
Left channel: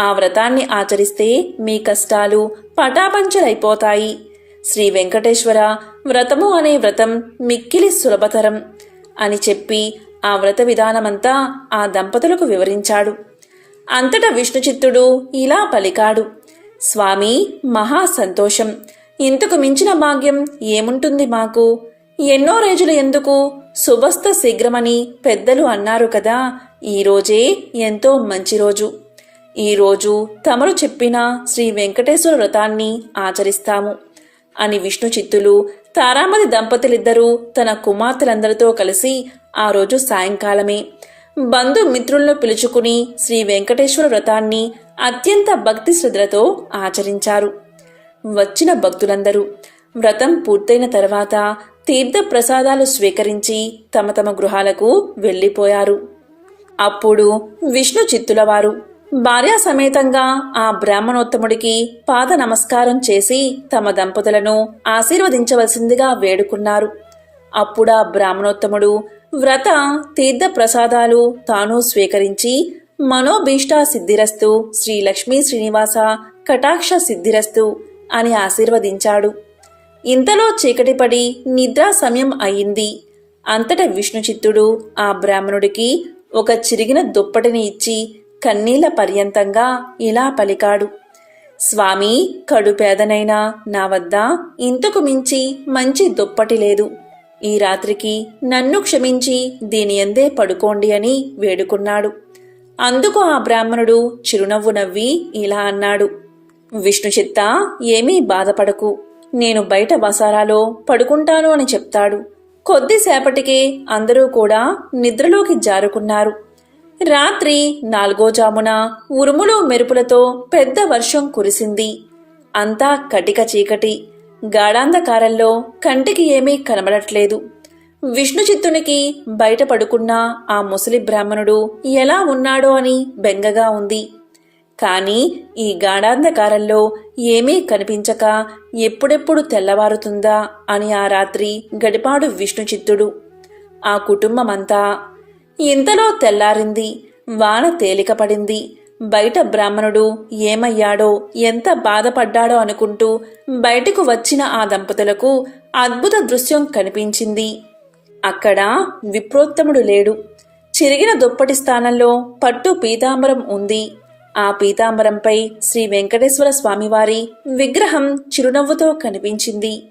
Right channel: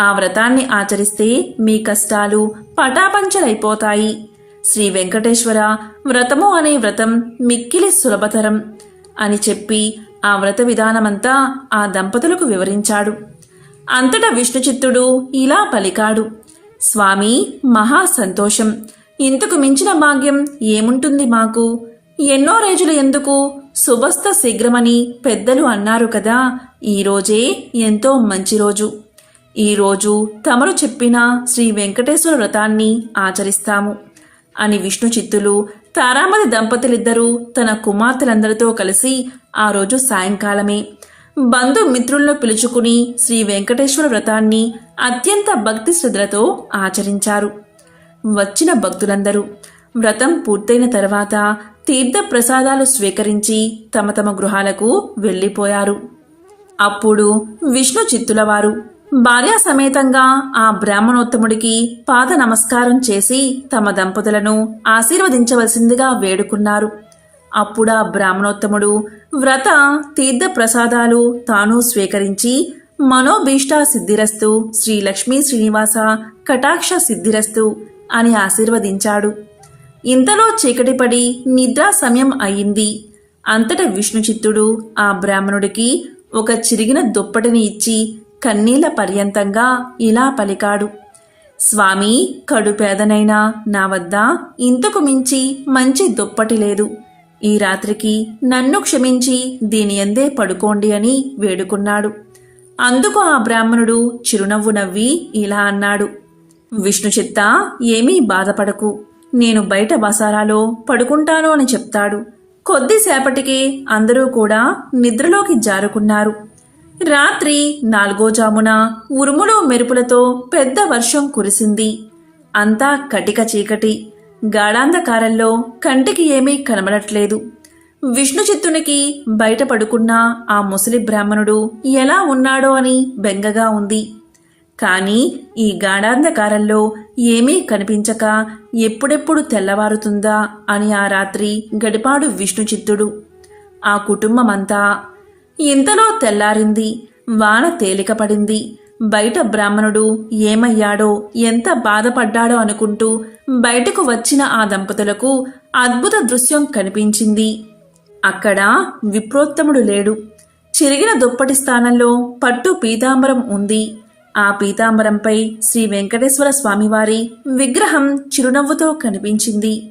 ఆ వ్రతాన్ని ఆచరిస్తే మీ కష్టాలు పటాపంచలైపోతాయి. శ్రీ వెంకటేశ్వర వ్రతము అనే వ్రతం మిక్కిలి సులభతరం అని చెప్పి ఆ వ్రత విధానమంతా ఆ దంపతులకు వివరించాడు. అంతటా విష్ణుచిత్తుడు ఇలా పలికాడు. స్వామి మహా సంతోషం. ఇంతకు మించిన భాగ్యం ఏముంటుంది మాకు? ఎన్నో రోజులు ఎందుకు శుభస్థ శీఘ్రమని పెద్దలు అన్నారు కదా ఈ రోజే ఎంతో మంచి రోజు. ఈరోజు తమరు చెప్పిన శ్రీ వెంకటేశ్వర వ్రతాన్ని ఆచరిస్తాము. అని విష్ణు చిత్తులు తారామణి దంపతులిద్దరూ తన కుమార్తెలందరితో కలిసి ఆ రోజు సాయంకాలమే బంధు పిలుచుకుని శ్రీ వెంకటేశ్వర వ్రతాన్ని అత్యంత భక్తి శ్రద్ధలతో ఆచరించారు. వచ్చిన భక్తులందరూ వ్రతం పూర్తయిన తర్వాత తీర్థ ప్రసాదాలు స్వీకరించి తమ తమ గృహాలకు వెళ్ళిపోయారు. అప్పుడు విష్ణు చిత్తులవారు భార్యా సమేతంగా ఆ బ్రాహ్మణోత్తముడికి పాద నమస్కారం చేసి తమ దంపతులను ఆశీర్వదించవలసిందిగా వేడుకున్నారు. అప్పుడా బ్రాహ్మణోత్తముడు వ్రత తీర్థ ప్రసాదాలు తాను స్వీకరించి మనోభీష్టా సిద్ధిరస్తు శ్రీ లక్ష్మీ శ్రీనివాస కటాక్ష సిద్ధిరస్తు అని ఆశీర్వదించాడు. ఇంతలో చీకటిపడి నిద్రా సమయం అయింది. అంతట విష్ణుచిత్తుడు ఆ బ్రాహ్మణుడికి ఒక చిరిగిన దుప్పటిని ఇచ్చి కన్నీళ్ళ పర్యంతంగా ఇలా పలికాడు. స్వామి కడుపేదనైనా నా వద్ద ఇంతకు మించి మంచి దుప్పటి లేదు. ఈ రాత్రికి నన్ను క్షమించి దీని ఎందే పడుకోండి అని వేడుకున్నాడు. అందుకు ఆ బ్రాహ్మణుడు చిరునవ్వు నవ్వి ఇలా అన్నాడు. విష్ణు చిత్త ఏమీ బాధపడకు. నేను బయట బసారాలో పడుకుంటాను అని చెప్తాడు. కొద్దిసేపటికే అందరూ కూడా నిద్రలోకి జారుకున్నారు. రాత్రి నాలుగో జామున ఉరుములు మెరుపులతో పెద్ద వర్షం కురిసింది. అంతా కటిక చీకటి. గాఢాంధకారంలో కంటికి ఏమీ కనబడట్లేదు. విష్ణు చిత్తునికి బయట పడుకున్న ఆ ముసలి బ్రాహ్మణుడు ఎలా ఉన్నాడో అని బెంగగా ఉంది. కాని ఈ గాఢాంధకారంలో ఏమీ కనిపించక ఎప్పుడెప్పుడు తెల్లవారుతుందా అని ఆ రాత్రి గడిపాడు విష్ణుచిత్తుడు. ఆ కుటుంబమంతా ఇంతలో తెల్లారింది. వాన తేలికపడింది. బయట బ్రాహ్మణుడు ఏమయ్యాడో ఎంత బాధపడ్డాడో అనుకుంటూ బయటకు వచ్చిన ఆ దంపతులకు అద్భుత దృశ్యం కనిపించింది. అక్కడ విప్రోత్తముడు లేడు. చిరిగిన దుప్పటి స్థానంలో పట్టు పీతాంబరం ఉంది. ఆ పీతాంబరంపై శ్రీ వెంకటేశ్వర స్వామివారి విగ్రహం చిరునవ్వుతో కనిపించింది.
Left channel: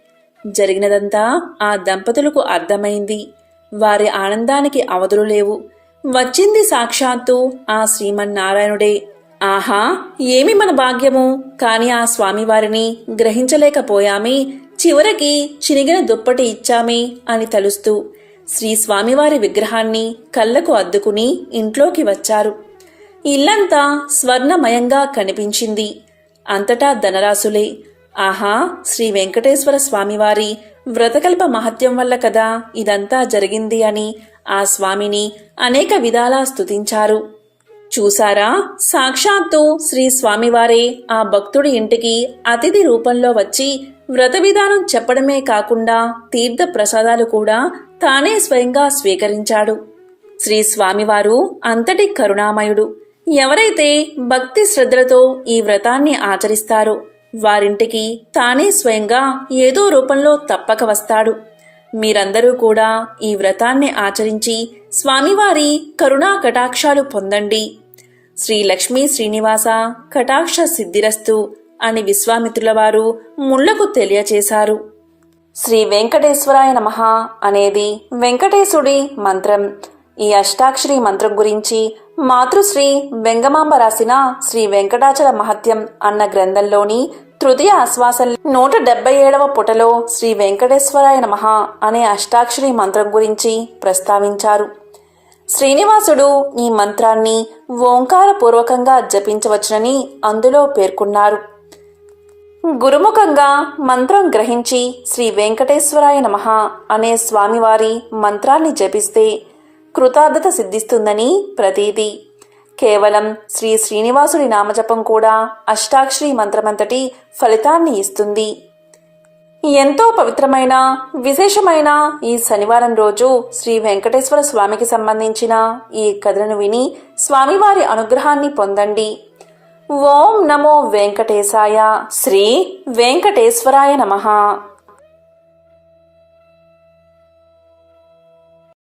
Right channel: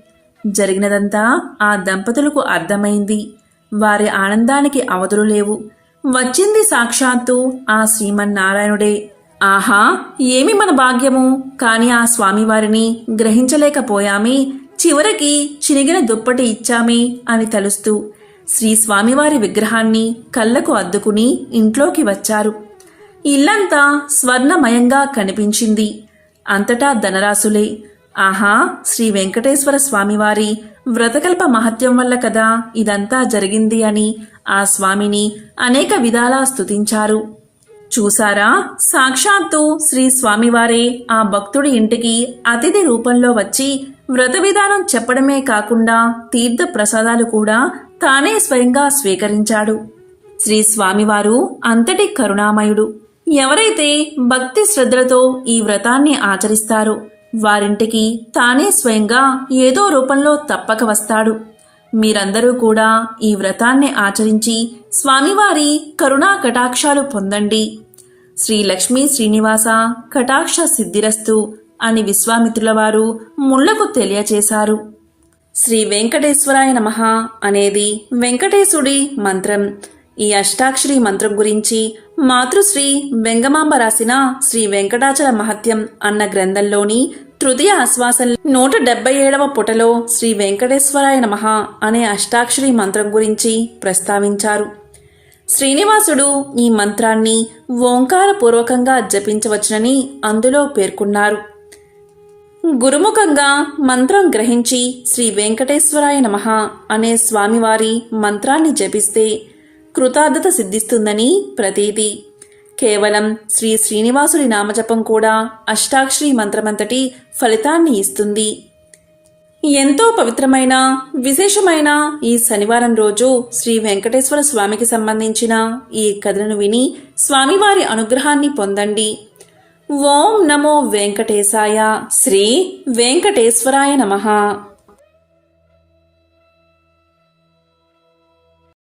జరిగినదంతా ఆ దంపతులకు అర్థమైంది. వారి ఆనందానికి అవధులు లేవు. వచ్చింది సాక్షాత్తు ఆ శ్రీమన్నారాయణుడే. ఆహా ఏమి మన భాగ్యము? కాని ఆ స్వామివారిని గ్రహించలేకపోయామే. చివరికి చినిగిన దుప్పటి ఇచ్చామే అని తలుస్తూ శ్రీ స్వామివారి విగ్రహాన్ని కళ్ళకు అద్దుకుని ఇంట్లోకి వచ్చారు. ఇల్లంతా స్వర్ణమయంగా కనిపించింది. అంతటా ధనరాశులే. ఆహా శ్రీ వెంకటేశ్వర స్వామివారి వ్రతకల్ప మహత్యం వల్ల కదా ఇదంతా జరిగింది అని ఆ స్వామిని అనేక విధాలా స్తుతించారు. చూసారా సాక్షాత్తు శ్రీ స్వామివారే ఆ భక్తుడి ఇంటికి అతిథి రూపంలో వచ్చి వ్రత విధానం చెప్పడమే కాకుండా తీర్థ ప్రసాదాలు కూడా తానే స్వయంగా స్వీకరించాడు. శ్రీ స్వామివారు అంతటి కరుణామయుడు. ఎవరైతే భక్తి శ్రద్ధలతో ఈ వ్రతాన్ని ఆచరిస్తారో వారింటికి తానే స్వయంగా ఏదో రూపంలో తప్పక వస్తాడు. మీరందరూ కూడా ఈ వ్రతాన్ని ఆచరించి స్వామివారి కరుణా కటాక్షాలు పొందండి. శ్రీ లక్ష్మీ శ్రీనివాస కటాక్ష సిద్ధిరస్తు అని విశ్వామిత్రుల వారు ముళ్ళకు తెలియచేశారు. శ్రీ వెంకటేశ్వరాయ నమ అనేది వెంకటేశుడి మంత్రం. ఈ అష్టాక్షరి మంత్రం గురించి మాతృశ్రీ వెంగమాంబ రాసిన శ్రీ వెంకటాచల మహత్యం అన్న గ్రంథంలోని తృతీయ ఆశ్వాసం నూట డెబ్బై ఏడవ పుటలో శ్రీ వెంకటేశ్వరాయ నమః అనే అష్టాక్షరి మంత్రం గురించి ప్రస్తావించారు. శ్రీనివాసుడు ఈ మంత్రాన్ని ఓంకారపూర్వకంగా జపించవచ్చునని అందులో పేర్కొన్నారు. గురుముఖంగా మంత్రం గ్రహించి శ్రీ వెంకటేశ్వరాయ నమః అనే స్వామివారి మంత్రాన్ని జపిస్తే కృతార్థత సిద్ధిస్తుందని ప్రతీతి. కేవలం శ్రీ శ్రీనివాసుడి నామజపం కూడా అష్టాక్షరి మంత్రమంతటి ఫలితాన్ని ఇస్తుంది. ఎంతో పవిత్రమైన విశేషమైన ఈ శనివారం రోజు శ్రీ వెంకటేశ్వర స్వామికి సంబంధించిన ఈ కథలను విని స్వామివారి అనుగ్రహాన్ని పొందండి. ఓం నమో వెంకటేశాయ. శ్రీ వెంకటేశ్వరాయ నమః.